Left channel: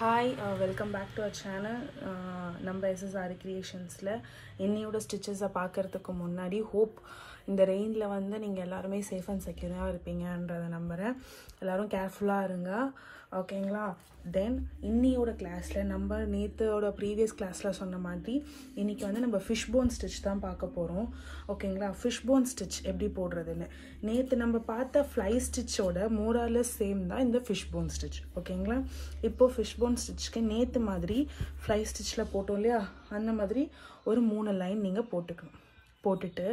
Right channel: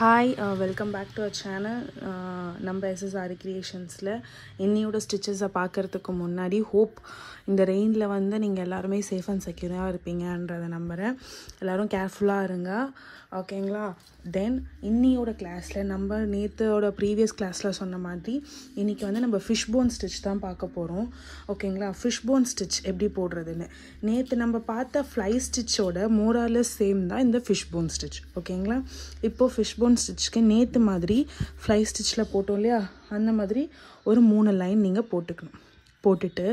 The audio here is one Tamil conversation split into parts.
Hi welcome back to our channel. நம்ம SSR கிரியேஷன்ஸில் என்னையோட ஸ்டிச்சஸை பார்க்குறதுக்கு முன்னாடி இந்த ரெயினில் வந்து நீங்கள் எல்லாருமே சேஃப் அண்ட் செக்யூராக இருப்பீங்கன்றதை நம்புகிறேன். எல்லோரும் கேர்ஃபுல்லாக இருங்க, ஓகேங்களா? தென் இன்னியோட கிளாஸில் நம்ம நேற்றோட ப்ரீவியஸ் கிளாஸில் சொன்ன மாதிரி இன்றைக்கி வந்து நம்ம ஃபிஷ் போன் ஸ்டிச் தான் பார்க்க போகிறோம், ஓகேங்களா? ஃபிஷ் போன் ஸ்டிச் எப்படி போடுறதுன்னு நேற்று நம்ம பார்த்த ஃப்ளை ஸ்டிச்சோட மோராலஸ் சேம் தான் இந்த ஃபிஷ் போன் ஸ்டிச், ஓகேங்களா? இப்போது ஃபிஷ் போன் ஸ்டிச்சுக்கு நேற்று மாதிரி ஃப்ளை ஸ்டிச்சில் போட்டோம் இல்லையா, அந்த மாதிரி ஒரு 3 லைன் நீங்கள் போட்டுக்கணும். போட்டுட்டு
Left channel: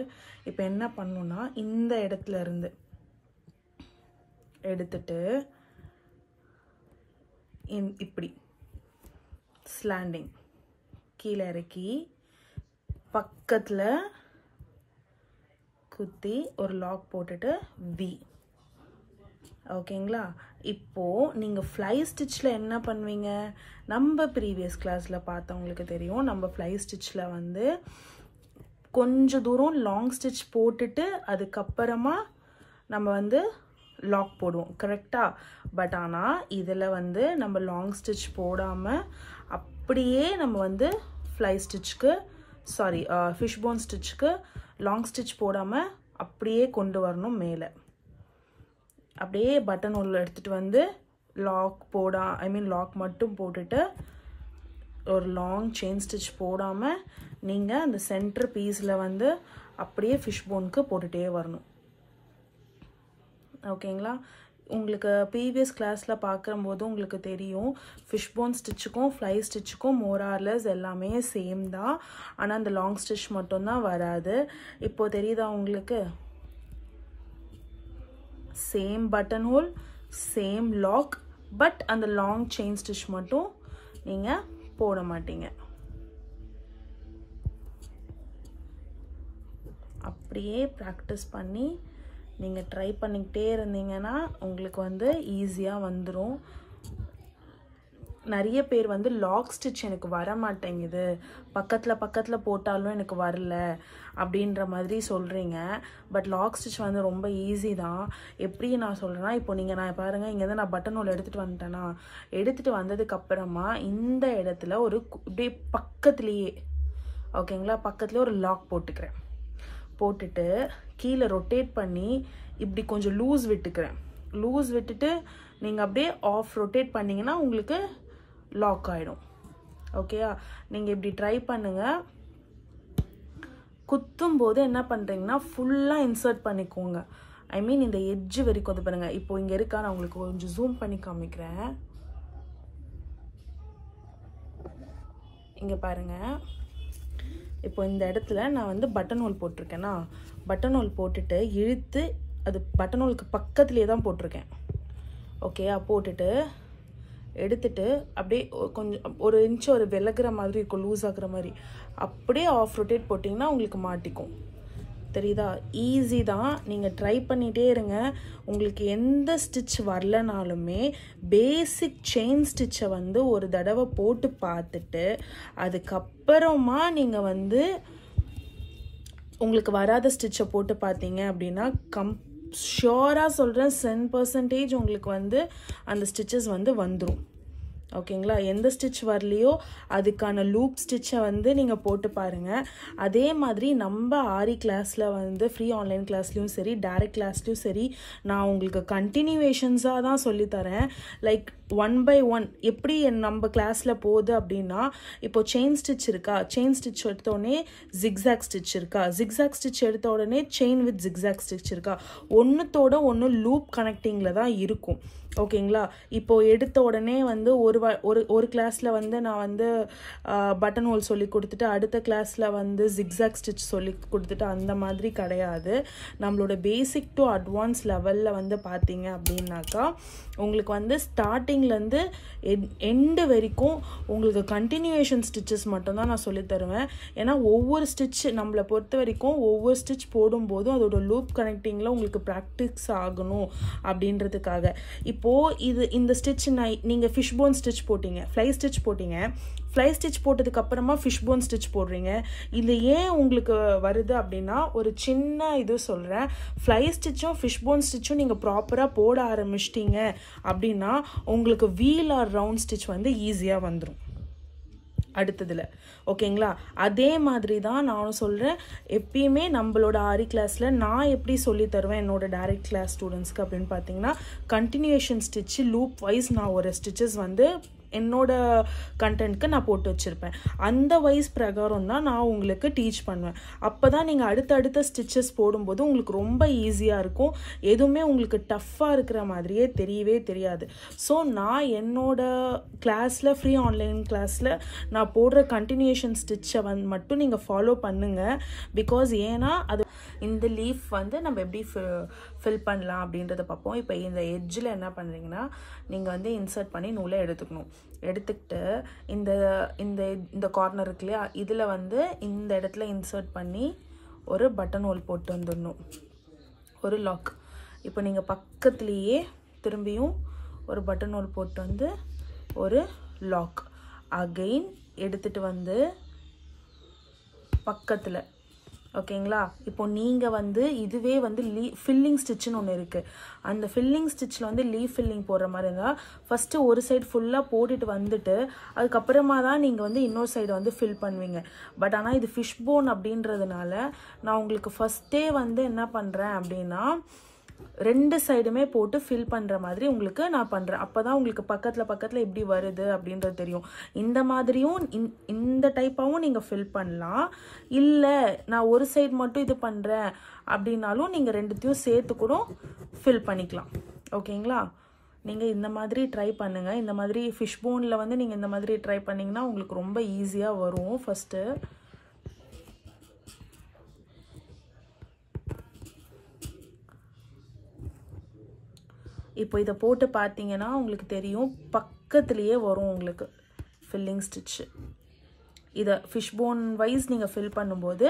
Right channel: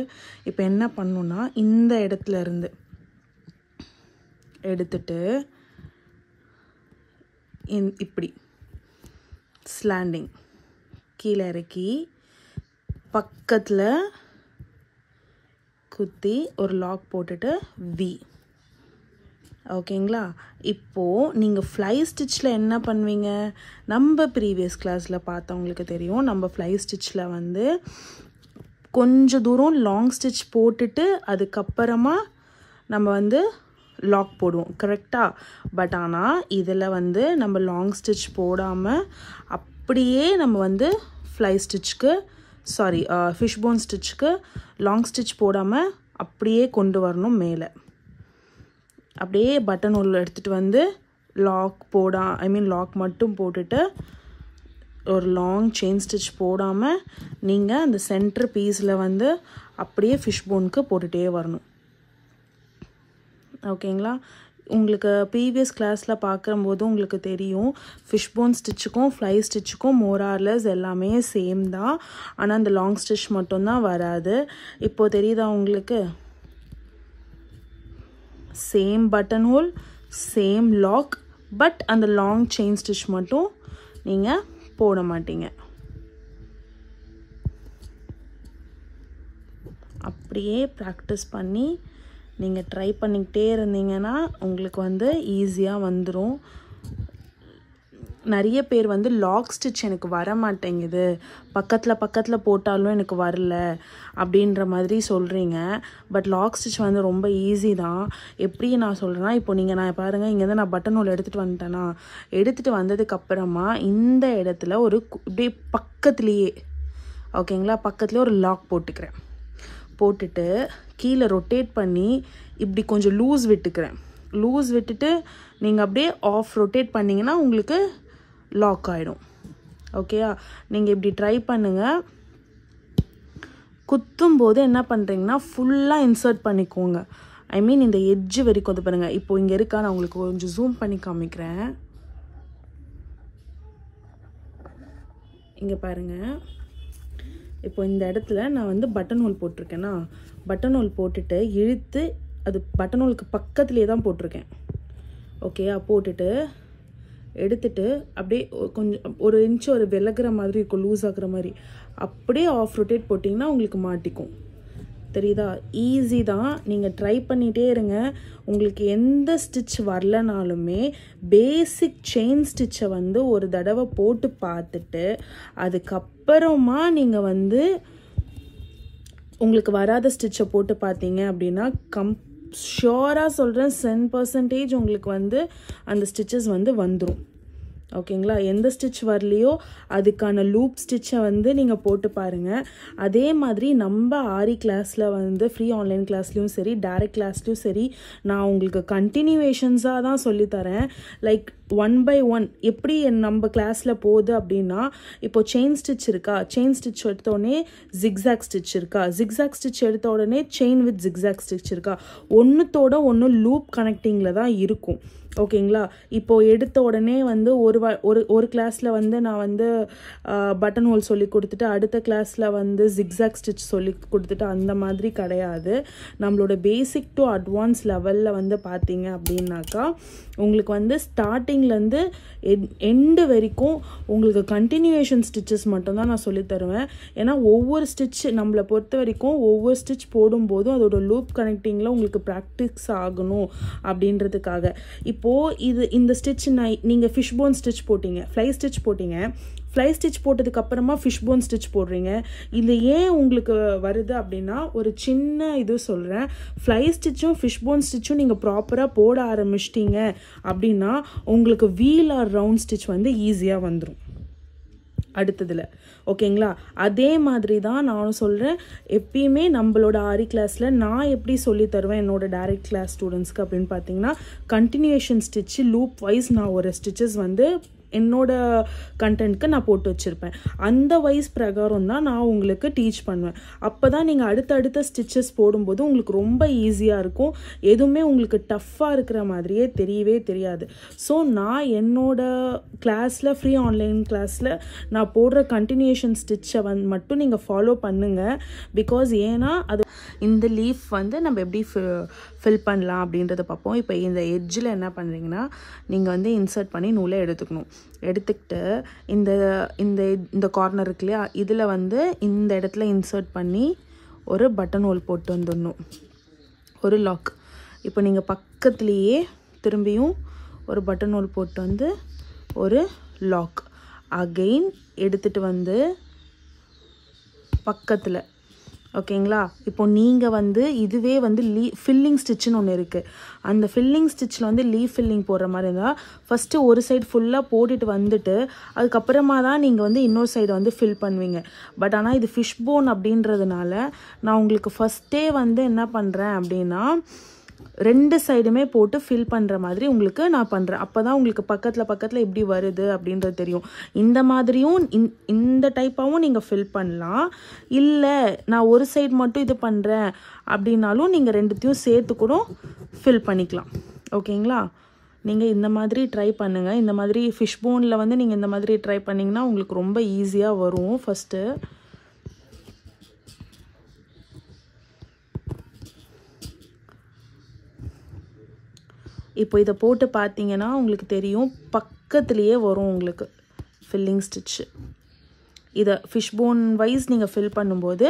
இப்போ என்ன பண்ணணுன்னா இந்த இடத்துல இருந்து எடுத்துட்டு இப்படி ஸ்லாண்டிங் கீழே இறக்கி பக்கத்தில் குத்தி ஒரு லாக் போட்டுட்டு வி, ஓகேங்களா? இப்போது நீங்கள் ஃப்ளை ஸ்டிச்சில் என்ன பண்ணுவீங்க? நம்ம ப்ரீவியஸ் கிளாஸில் பார்த்தவங்களுக்கு தெரியும், நம்ம ஃப்ளை ஸ்டிச்சில் வந்து கொஞ்சம் தூரம் லாங் ஸ்டிச் போட்டுட்டு அதுக்கப்புறமா நம்ம வந்து லாக் போடுவோம், கரெக்டாக? பட் ஆனால் இதில் வந்து நம்ம லாங் ஸ்டிச் போடாமல் அப்படியே நம்ம வந்து ஃப்ளை ஸ்டிச்சுக்கு ஃபிஷ் போன் ஸ்டிச்சுக்கு லாங் ஸ்டிச் போடாமல் அப்படியே கொண்டு வரணும். மேலே அப்படியே பட்டன் உள்ள எடுத்துகிட்டு வந்து லாக் மட்டும் போட்டுட்டு ஒரு லாங் செயின் ஸ்டிச் போடாமல் நீங்கள் அந்த சென்டர் பீஸில் வந்து அப்படியே ஃபிஷ் போனுக்கு போட்டுகிட்டே வரணும், ஓகேங்களா? உங்களுக்கு ப்ரீவியஸ் கிளாஸில் பார்க்கும்போது உங்களுக்கு தெரியும், ஃபிஷ் போன் ஸ்டிச்சுக்கும் ஃப்ளை ஸ்டிச்சுக்கும் மோரார்லஸ் எல்லாமே சேம் தான், ஆனால் அந்த லாங் ஸ்டிச் மட்டும்தான் வராது. இப்போது தெரியுதா உங்களுக்கு? Same button hole, same lock, but அந்த லாங் செயின் ஸ்டிச் மட்டும் நீங்கள் போட மாட்டீங்க. அப்படியே ப்ராக்டிஸ் பண்ணி நீங்கள் ட்ரை பண்ணிக்கிட்டே இருந்தீங்கன்னா உங்களுக்கு வந்து ஈஸியாக வந்துடும். நிறைய பேர் வந்து லாக் ஸ்டிச் எனக்கு வர மாட்டேங்குது, பக்கத்தில் போட்டாலும் எனக்கு வரல அப்படின்ற மாதிரி சொல்கிறீங்க. பட் லாக் ஸ்டிச் வந்து ரொம்ப ஈஸி தான். எப்படி நான் சொல்கிறேன்னா, இப்போ நான் பாருங்கள், இங்கேருந்து நான் பட்டன் ஹோல் எடுத்துகிட்டு வந்துட்டேன்னா, எடுத்துகிட்டு வந்ததுக்கப்புறமா இந்த இடத்துல ஒரு இப்படியே பக்கத்துலேயே, ஓகேங்களா, பக்கத்துலேயே ஒரு லாக் போட்டுக்கிறேன். போட்டுட்டு கீழே ரொட்டேட் பண்ணி இப்படி கொஞ்சம் லூஸ் விட்டுட்டு நீங்கள் அப்படியே ரொட்டேட் பண்ணிங்கன்னா உங்களுக்கு லாக் ஆகிடும், ஓகேயா? நீங்கள் இப்படி ட்ரை பண்ணுங்கள். குத்தும் போது என்ன பண்ணுறீங்கன்னா ஃபுல்லாக இன்சர்ட் பண்ணிக்கோங்க. இந்த எட்ஜு வரைக்கும் வந்து பாருங்கள். இப்போ இங்கே இருக்கா, நான் உங்களுக்கு கொஞ்சம் ஜூம் பண்ணி காமிக்கிறேன். இங்கே பாருங்கள், இப்போ இந்த இடத்துல நான் வந்து பட்டன் ஹோல் போட்டிருக்கேன்னா, பட்டன் ஹோல் போட்டுட்டு இழுத்து அது பட்டன் ஹோலுக்கு பக்கத்துலேயே தான் போட்டிருக்கேன், ஓகேயா? போட்டுட்டு எடுத்துட்டு அப்படியே கொஞ்சம் ஒரு இன்ச்சு ஒரு விலகிற மாதிரி இருக்கும், லூஸ் ஆகுற மாதிரி, அப்படியே ரொட்டேட் போட்டிங்கன்னா உங்களுக்கு மாட்டிக்கும். தெரியுதா? ஈஸி தான், நீங்கள் ட்ரை பண்ணிகிட்டே இருங்க. உங்களுக்கு எந்த ஸ்டிச் வரலனாலுமே பேசிக் செயின் ஸ்டிச்சை வந்து ஒரு தடவை போட்டு பார்த்துட்டு அதுக்கப்புறமா நீங்கள் வந்து உங்களுக்கு வராத ஸ்டிச்சை போட்டு பார்த்தீங்க அப்படின்னா ஷியோராக சொல்கிறேன், 100% உங்களுக்கு வந்து அந்த ஸ்டிச்சஸ் வந்து வந்துடும், ஓகேங்களா? எந்த ஸ்டிச் வரலையோ அதுக்கான லூப் ஸ்டிச்சை வந்து நீங்கள் போட்டு பாருங்கள். அதே மாதிரி நம்ம ஆரி கிளாஸில் வந்து ஃப்ரீ ஆன்லைன் கிளாஸ்லேயும் சரி, டைரக்ட் கிளாஸ்லேயும் சரி, நான் உங்களுக்கு கண்டினியூவேஷன்ஸாக தான் சொல்லித்தரேன். லைக் 1 by 1 எப்படி நம்ம கிளாஸில் போகுது அப்படின்னா, இப்போ செயின் ஸ்டிச் இருக்கா, செயின் ஸ்டிச் எடுத்தோடனே ஜிக்ஸாக் ஸ்டிச் இருக்கா, ஜிக்ஸாக் ஸ்டிச் எடுத்த உடனே செயின் வித் ஜிக்ஸாக் ஸ்டிச் இருக்கா, ஒன்றுத்தோட ஒன்று லூப் கனெக்டிங்கில் தான் இருக்கும், ஓகேங்களா? இப்போ எடுத்த உடனே வந்து ஒரு கிளாஸில் வந்து நான் வந்து பட்டன் ஹோல் சொல்லி கொடுத்துட்டு அடுத்த கிளாஸில் வந்து ஜிக்ஸாக் ஸ்டிச் சொல்லி கொடுத்துட்டு அந்த மாதிரி கிடையாது. நம்மளோட பேசிக் டு அட்வான்ஸ் லெவலில் வந்து பார்த்தீங்க அப்படின்னாக்கா உங்களுக்கு வந்து ஸ்டார்டிங்லேருந்து எண்டு வரைக்கும் உங்களுக்கு கண்டினியூவேஷன் ஸ்டிச்சஸ் மட்டும்தான் நான் சொல்லித்தருவேன். ஏன்னா ஒவ்வொரு ஸ்டிச் நம்மளை பொறுத்த வரைக்கும் ஒவ்வொரு ஸ்டிச் போடும்போதும் அதோட லூப் கனெக்டிங்கில் உங்களுக்கு ப்ராக்டிஸ் ஆகணும் அப்படின்றதுக்காக. இப்போது இந்த ஸ்டிச் நீங்கள் ஃபிஷ் போன் ஸ்டிச் போட்டிங்க, ஃப்ளை ஸ்டிச் போட்டிங்க, ஃப்ளை ஸ்டிச் போட்டதுக்கு அப்புறமா ஃபிஷ் போன் ஸ்டிச் போடுறீங்க. இது ஏன் உங்களுக்கு வருது அப்படின்னா ஒரு சின்ன இது சொல்கிறேன். ஃப்ளை ஸ்டிச்சும் ஃபிஷ் போன் ஸ்டிச்சும் நீங்கள் ப்ராப்பராக போட ஆரம்பிச்சிட்டிங்க அப்படின்னா உங்களுக்கு வீல் ஆர் ரவுண்ட் ஸ்டிச் வந்து ஈஸியாக வந்துடும் அடுத்ததில். ஓகேங்களா? அதே மாதிரி தான் நானும் சொல்கிறேன். எப்பயுமே நம்மளோட ஆரி கிளாஸில் நான் எப்படி சொல்லி தருவேன் என்னோட டைரக்ட் கிளாஸ் ஸ்டூடெண்ட்ஸ்க்கு அப்படின்னு பார்த்தீங்கன்னா, கண்டினியூஷன் ஸ்டிச்சு லூப் வைஸ் நான் ஒரு ஸ்டிச்சஸ் வந்து என்னோட கண்டென்ட்க்கு நான் போட்டு வச்சுருப்பேன். அந்த வைஸ் பிரகாரம் தான் நான் உங்களுக்கு டீச் பண்ணுவேன். அப்போ தான் நீங்கள் அடுத்தடுத்த ஸ்டிச்சஸ் போடும்போது உங்களுக்கு ரொம்ப ஈஸியாக இருக்கும். எதுவுமே உங்களுக்கு டஃப்பாக இருக்கிற மாதிரியே தெரியவே தெரியாது. ஸோ நான் என்னோட கிளாஸில் ஃப்ரீ ஆன்லைன் கிளாஸில் நான் போடுற கண்டினியூஷன் ஸ்டிச்சை மட்டும் நீங்கள் ஃபாலோ பண்ணுங்கள். பிகாஸ் ஏன்னா அது இந்த லீஃப் வந்து நம்ம எப்படி ஃபில் பண்ணலாம் அப்படின்றத பார்ப்போம். இப்போ இந்த எட்ஜில் என்ன பண்ணுறீங்கன்னா நீங்கள் வந்து இன்சர்ட் பண்ணி நூலை எடுத்துக்கணும். எடுத்துக்கிட்டு இந்த இந்த இந்த கார்னர் இருக்கு இல்லையா, இதில் வந்து இந்த இடத்துல இன்சர்ட் பண்ணி ஒரு பட்டன் ஹோல் போட்டு வந்துடணும், ஒரு லாக். இப்போ நீங்கள் பக்கத்துலேயே திரும்பியும் ஒரு பட்டன் ஹோல் போட்டு வந்து ஒரு லாக் அகெயின் எடுத்துகிட்டு வந்து பக்கத்தில். ஓகேங்களா? இப்போ நீங்கள் வந்து இதுவே வந்து ஃபில்லிங் ஸ்டிச்சுன்னு ஒன்று இருக்குது. அந்த ஃபில்லிங் ஸ்டிச்சில் வந்து லீஃப் ஃபில்லிங் போடுற மாதிரி இருந்தால் ஃபஸ்ட்டு ஒரு சைடு ஃபுல்லாக போட்டுட்டு வந்துட்டு அதுக்கப்புறமா தான் நீங்கள் வந்து இன்னொரு சைடு வந்து ஃபில் பண்ணுவீங்க. பட் ஆனால் இது ஃபிஷ் போன் அப்படின்றதுனால நான் உங்களுக்கு ஃபஸ்ட்டே வந்து என்ன பண்ணுறேன் அப்படின்னா ரெண்டு சைடுமே போட்டு ஃபில் பண்ணுற மாதிரி உங்களுக்கு நான் பண்ணுறேன். அப்போ தான் உங்களுக்கு பக்கத்தில் எப்படி வருது அப்படின்றது தெரியும். இந்த மாதிரியும் இந்த டைப்பாகவும் நீங்கள் ஃபில் பண்ணலாம். இல்லை நான் ஒரு சைடு மட்டும் இது பண்ணுறேன் அப்படின்னாலும் நீங்கள் ரெண்டுத்தையும் சேர்த்து கூட ஃபில் பண்ணிக்கலாம். ஓகேங்களா? நீங்கள் இந்த மாதிரி ட்ரை பண்ணுங்கள். இந்த மாதிரி ஃபிஷ் போனில் வந்து நீங்கள் இந்த மாதிரி ட்ரை பண்ணிங்கன்னா உங்களுக்கு ரொம்ப ஈஸியாக வரும். ஃபஸ்ட்டு இப்போ இதை போட்டு பார்த்தீங்கன்னா உங்களுக்கு தெரியும், பக்கத்துலேயே வரும் உங்களுக்கு ஃபில்லிங் ஸ்டிச்சு. இதை ஃபிஷ் போன் வைஸ் நீங்கள் ஃபில் பண்ணும்போது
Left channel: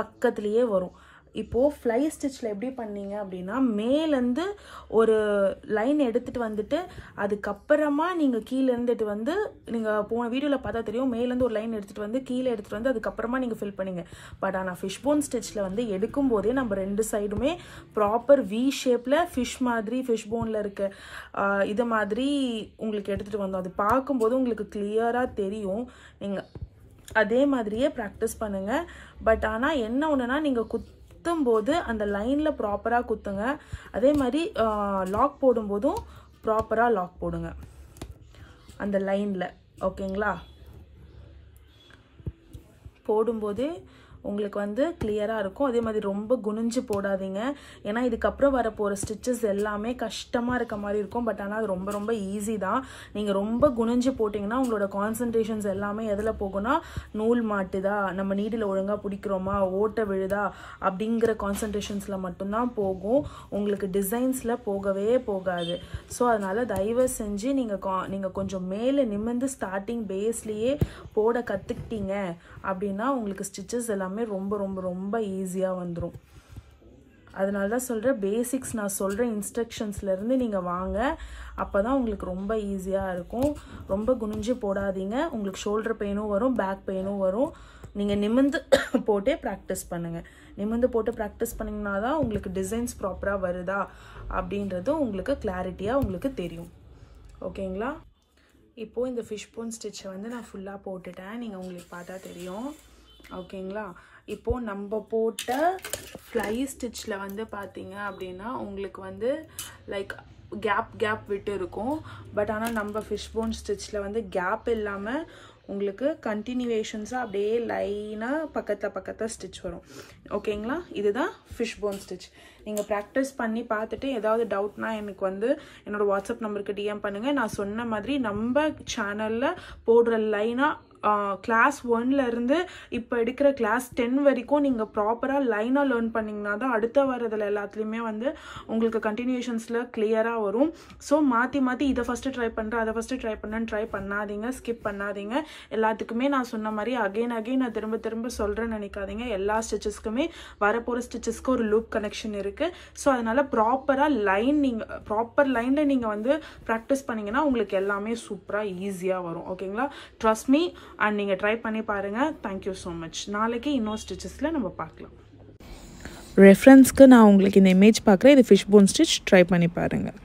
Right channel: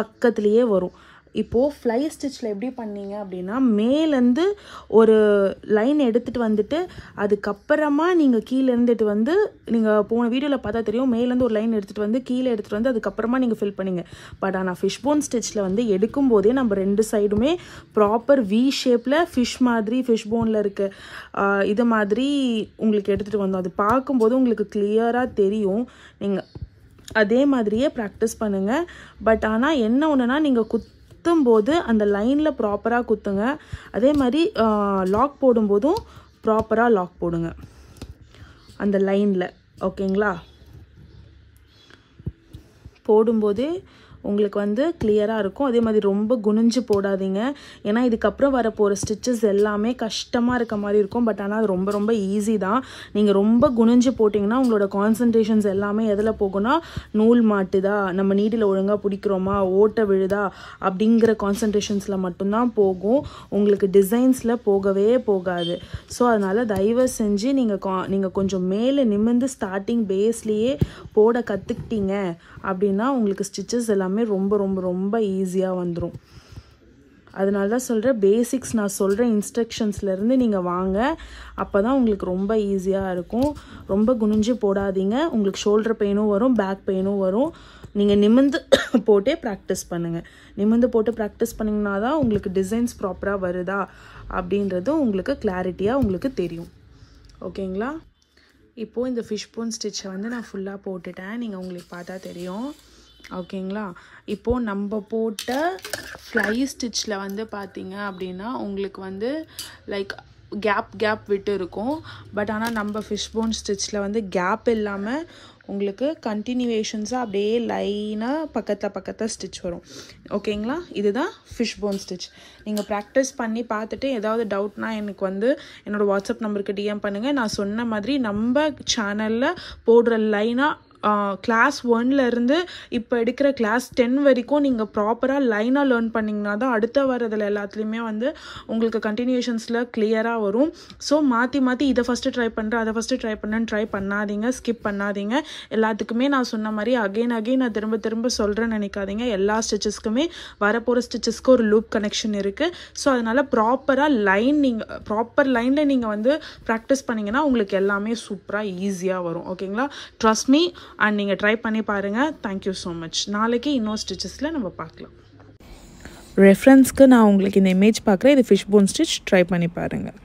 பக்கத்துலேயே வரும். இப்போது ஃப்ளை ஸ்டிச்சில் எப்படி பண்ணீங்க அப்படின்னா மேலேருந்து ஒரு லைன் எடுத்துகிட்டு வந்துட்டு அதுக்கப்புறமா நீங்கள் கீழே இருந்துட்டு வந்து நீங்கள் போன வீடியோவில் பார்த்தா தெரியும், மேலேருந்து ஒரு லைன் எடுத்துகிட்டு வந்து கீழே எடுத்துகிட்டு வந்து அதுக்கப்புறமா நீங்கள் ஃபில் பண்ணிங்க. பட் ஆனால் ஃபிஷ் போன் ஸ்டிச்சில் வந்து எடுக்கும்போதே நம்ம ரெண்டு சைடுமே ப்ராப்பர் வி ஷேப்பில் ஃபிஷ் மாதிரி ஃபிஷ் போனில் இருக்க இது மாதிரி உங்களுக்கு எடுத்துகிட்டு வந்தோம். அது பார்க்கும்போது உங்களுக்கு கிளியராக தெரியும். நீங்கள் அதே மாதிரியே ப்ராக்டிஸ் பண்ணுங்கள். பட் ஆனால் என்ன ஒன்றுனா நீங்கள் குத்தும்போது அந்த லைனில் ப்ராப்பராக குத்துங்க. அதே மாதிரி லாக் போடும்போதும் ப்ராப்பராக லாக் போடுங்க அந்த லைனில். ஓகேங்களா? போடும்போதே உங்களுக்கு வந்து கிளியராக இருக்கும். அதே மாதிரி ரொம்ப குனிஞ்சு போடாதீங்க. ஏன்னா இதுக்கப்புறம் வரப்போகிற ஸ்டிச்சஸ் எல்லாமே கஷ்டமாக இருக்க மாதிரி இருக்கும். பட் ஆனால் அது ரொம்ப ரொம்ப ஈஸி தான். நீங்கள் ரொம்ப குனிஞ்சு போட்டிங்கன்னா உங்களோட கான்சன்ட்ரேஷன்ஸ் எல்லாமே எதில் போகும்னா நூல் மாட்டுதா, நம்ம நீடில் ஒழுங்காக பிடிக்கிறோமா, ஓட்ட விழுதா அப்படிங்கிற கான்சன்ட்ரேஷன்ஸில் மட்டும்தான் போகும். உங்களுக்கு டிசைன்ஸில் போகவே போகாது. ஸோ அதனால் தயவு செஞ்சு நீங்கள் கொஞ்சம் மேலே நிமிர்ந்து ஸ்டார்டிங் பேஸ்லேயே போட கற்றுக்கிட்டீங்க அப்படின்னா உங்களுக்கு ஸ்டிச்சஸ் எல்லாமே ரொம்ப ரொம்ப ரொம்ப ஈஸியாக வந்துடும். அதனால தான் சொல்கிறேன், பேசிக்ஸ் நான் சொல்கிற இன்ஸ்ட்ரக்ஷன்ஸ்லேருந்து நீங்கள் வாங்க. அப்போ தான் உங்களுக்கு ரொம்ப ஈஸியாக இருக்கும். ரொம்ப குனிஞ்சு போடாதீங்க. உங்களுக்கு ஷோல்டர் பெயினும் வரும், பேக் பெயினும் வரும். நீங்கள் நிமிர்ந்து போட்டே ப்ராக்டிஸ் பண்ணுங்கள். நிமிர்ந்து போட்டு ப்ராக்டிஸ் பண்ணிங்கன்னா தான் உங்களுக்கு டிசைன்ஸ் ப்ராப்பராக வருதா அப்படின்றது உங்களுக்கு கிளாரிட்டியாக உங்களுக்கு தெரியும். ஓகேங்களா? இப்போது இந்த ஃபிஷ் போன் ஸ்டிச்சை வந்து நான் ஃபுல்லாக போட்டுட்டேன். நீங்கள் உங்களுக்கு பார்த்தா தெரியும். ஓகேங்களா? இப்போது நம்ம போட்ட ஃப்ளை ஸ்டிச்சில் வந்து பார்த்தீங்க அப்படின்னா உங்களுக்கு வந்து லைக் கேப் விட்டு இருக்கும். பட் ஆனால் நம்ம ஃபிஷ் போன் ஸ்டிச்சில் வந்து கேப் இல்லாமல் உங்களுக்கு கண்டினியூவேஷன்ஸாக அப்படியே லைனாக பக்கத்தில் ஸ்டிச் வரும். ஓகேங்களா? இதுதான் ஃபிஷ் போன் ஸ்டிச். நீங்கள் ப்ராக்டிஸ் பண்ணி பார்த்துட்டு ஏதாவது டவுட்னா எனக்கு வந்து என்னோடய வாட்ஸ்அப் நம்பருக்கு டிஎம் பண்ணுங்கள். நான் சொன்ன மாதிரி நம்ம சேனலில் போடுற லைனாக கிளாஸ் 1லேருந்து இப்போ எடுக்கிற கிளாஸ் 10 வரைக்கும் நீங்கள் ப்ராப்பராக லைனாக லேர்ன் பண்ணிங்கன்னா தான் அடுத்த வரதில் எல்லாத்துலேயுமே வந்து உங்களுக்கு கண்டினியூஷன்ஸில் கிளியராக வரும். ஸோ மாற்றி இதை ஃபஸ்ட்டு ட்ரை பண்ணுறேன், அதை ஃபஸ்ட்டு ட்ரை பண்ணேன்னு ட்ரை பண்ணாதீங்க, ஸ்கிப் பண்ணாதீங்க. எல்லாத்துக்குமே நான் சொன்ன மாதிரி அகெயின் நான் திரும்ப சொல்கிறேன்னு நினைக்காதீங்க. எல்லா ஸ்டிச்சஸ்க்குமே வரப்போகிற ஸ்டிச்சஸ்க்கு ஒரு லூப் கனெக்ஷன் இருக்குது. ஸோ அதனால் ப்ராப்பர் லைனில் நீங்கள் வந்து ப்ராக்டிஸ் பண்ணிங்கன்னா உங்களுக்கு எல்லாமே சூப்பராக ஈஸியாக வரும். ஓகேங்களா? ட்ரஸ்ட் மீ, அண்ட் நீங்கள் ட்ரை பண்ணி பாருங்கள். Thank you so much. நாளைக்கு இன்னொரு ஸ்டிச்சஸில் நம்ம பார்க்கலாம். ரெஃபரன்ஸ்க்கு நான் உங்களுக்கு இந்த இமேஜ் பார்க்குறேன். இது ஃபிஷ் போன் ஸ்டிச். ட்ரை பண்ணி பாருங்கள்.